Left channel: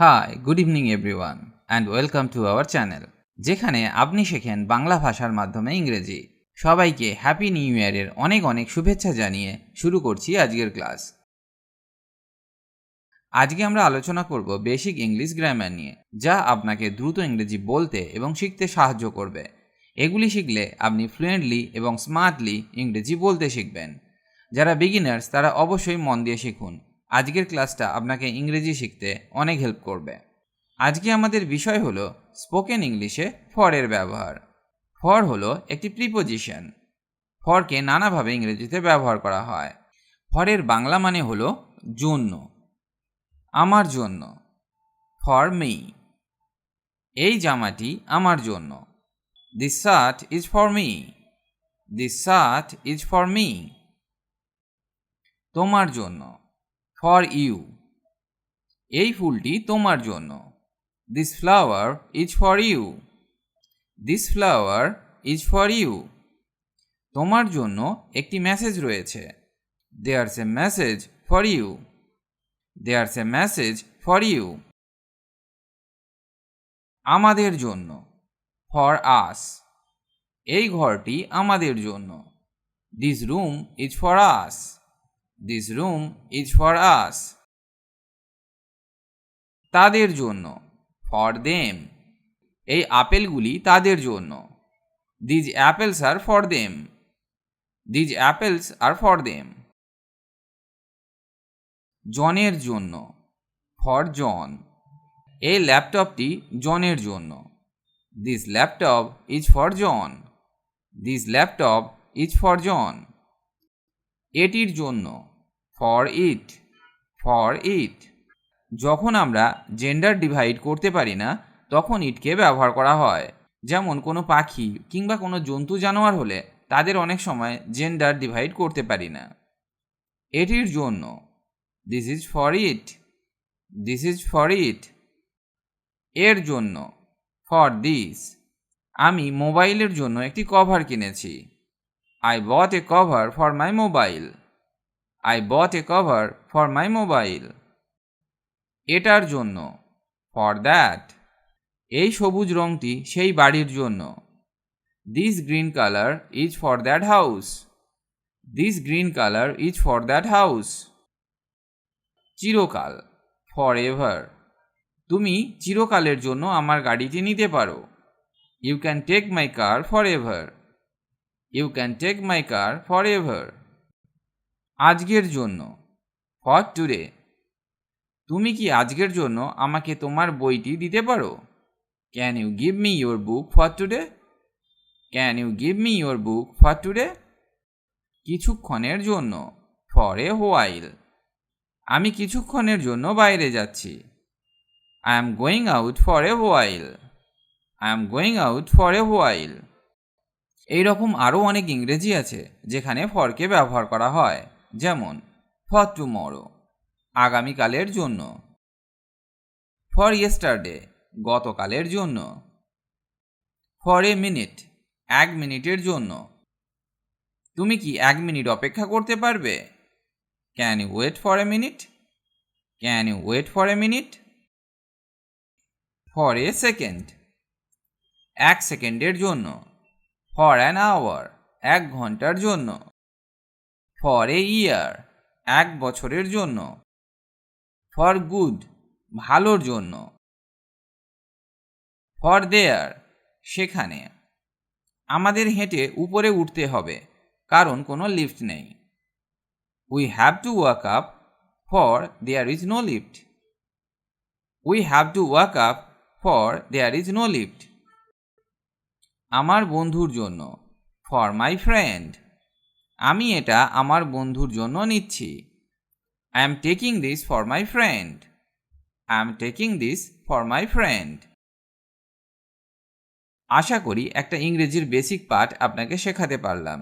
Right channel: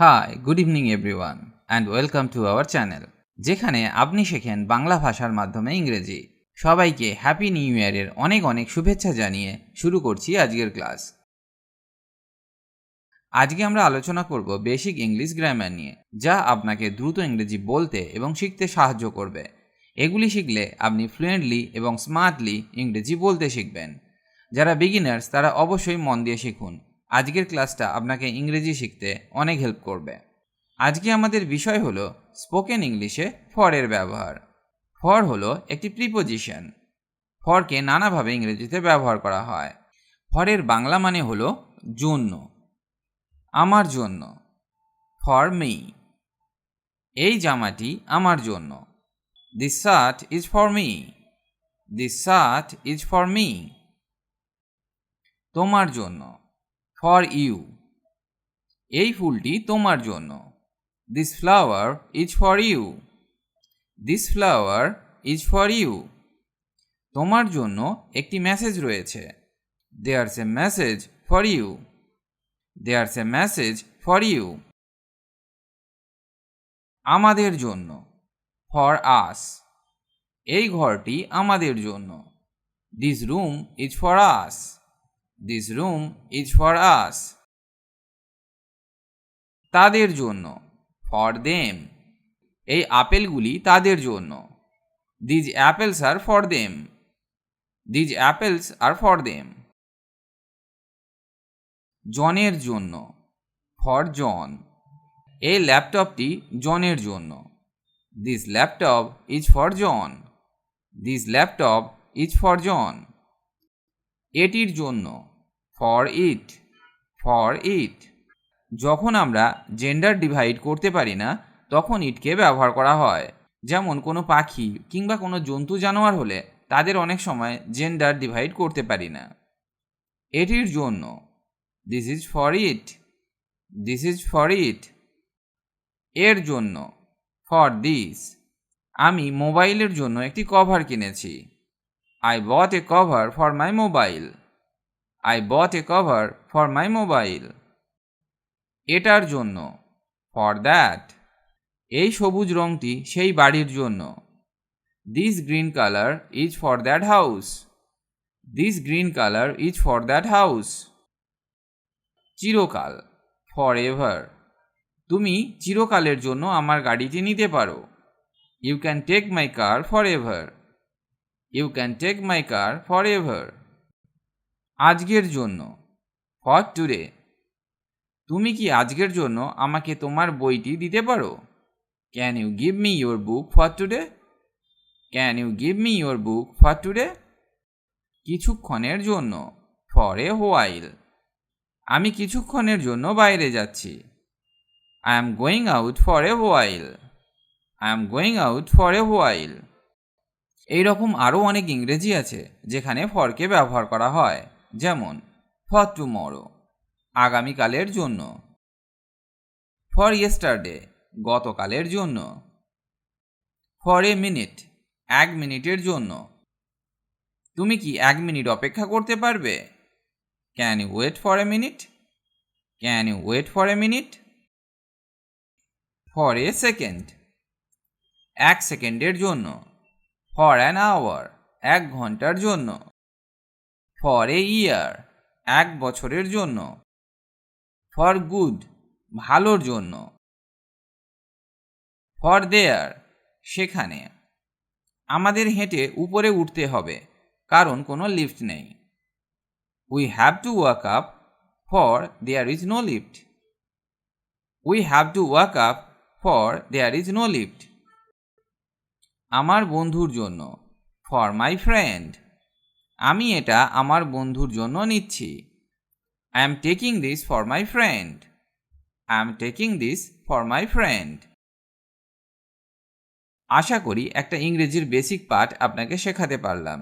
High, good evening everyone and welcome to our channel, যেখানে আপনি শেখেন বাংলা ভাষার মাধ্যমে ইংরেজি। সবাইকে হ্যাপি নিউ ইয়ারের অনেক অনেক শুভেচ্ছা জানিয়ে শুরু করছি আজকের ক্লাস। আজকে আমরা আলোচনা করব বেসিক ইংলিশ গ্রামার নিয়ে, যা আপনাকে দ্রুত ইংরেজি বলতে এবং শিখতে সাহায্য করবে। এগুলি শিখলে আপনি ফ্লুয়েন্টলি এবং স্মার্টলি ইংরেজি বলতে শিখবেন। যারা বিগিনার্স তারা অবশ্যই মন দিয়ে শিখুন। আজকের ক্লাসটা আপনাকে ইংরেজি শিখতে অনেক হেল্প করবে। আজকে আমাদের বিষয় হলো স্পোকেন ইংলিশে ফরের ব্যবহার। ফর হলো একটি প্রিপোজিশন। ফরকে নানাভাবে ইংরেজিতে ব্যবহার করা হয়। ফরের বাংলা মানে হলো জন্য, আমার জন্য। ফর মি, এই জামাটি আমার জন্য। This shirt is for me, this shirt is for me. তোমার জন্য, ফর ইউ, এই ফুলটি তোমার জন্য। This flower is for you, this flower is for you. তোমার জন্য একটি মেসেজ রয়েছে। There's a message for you, there's a message for you. আমাদের জন্য, ফর আস, এই ঘরটি আমাদের জন্য। This room is for us, this room is for us. তাদের জন্য, ফর দেম, এই আপেলগুলি তাদের জন্য। These apples are for them, these apples are for them. জনের জন্য, ফর জন, এই ল্যাপটপটি জনের জন্য। This laptop is for John, this laptop is for John. এটির জন্য, ফর ইট, ফর ইট। যখন আমরা জেন্ডার ডিভাইড করতে পারি না তখন ইটকে ব্যবহার করা হয়। যেমন কোনো পাখি কিংবা কোনো জন্তু জানোয়ার হলে তাদের অনেক সময় জেন্ডার ডিভাইড করতে পারি না। এটির জন্য, this is for it, this is for it. এর জন্য, ফর দিস, আমি মোবাইলের জন্য একটি কভার কিনেছি। I bought A cover for my mobile, I bought A cover for my mobile. এটার জন্য, ফর দ্যাট, এই সবুজ রঙটি সেই বাড়ির জন্য। This green colour is for that house, this green colour is for that house. চিরকাল, ফর এভার, তুমি চিরকালের জন্য আমার গাড়িটি নিতে পারো। You can take my car forever, you can take my car forever. আজকের জন্য, ফর টুডে, তুমি কি আজকের জন্য আমাকে তোমার বইটি দিতে পারো? Can you give me your book for today, can you give me your book for today. কিছুক্ষণের জন্য, ফর এ হোয়াইল, আমি কিছুক্ষণের জন্য বাইরে যাচ্ছি। I am going out for a while, I am going out for a while. এইরকম আরও অনেক ইংরেজি আছে যেখানে ফরকে ব্যবহার করা হয়। যেমন ফর টুমরো, আগামীকালের জন্য। ফর ইয়েস্টারডে, গতকালের জন্য। ফর এ মিনিট, এক মিনিটের জন্য। তুমি কি এক মিনিট অপেক্ষা করতে পারবে? Can you wait for a minute, can you wait for a minute. For a second, এক সেকেন্ডের জন্য। ফর অ্যান আওয়ার, এক ঘন্টার জন্য। ফর এ ইয়ার, এক বছরের জন্য। ফর গুড, ভালোর জন্য। ফর দেয়ার, সেখানে। আমাদের হেঁটে উপরে উঠতে হবে কারণ কোনো লিফট নেই। We have to walk up for there is no lift, we have to walk up for there is no lift. আমার বন্ধুর জন্য, ফর মাই ফ্রেন্ড, আমি এটা আমার বন্ধুর জন্য নিচ্ছি। I am taking this for my friend, I am taking this for my friend. আশা করি একটা ইংরেজির বেসিক পার্ট আপনাকে শেখাতে পারলাম।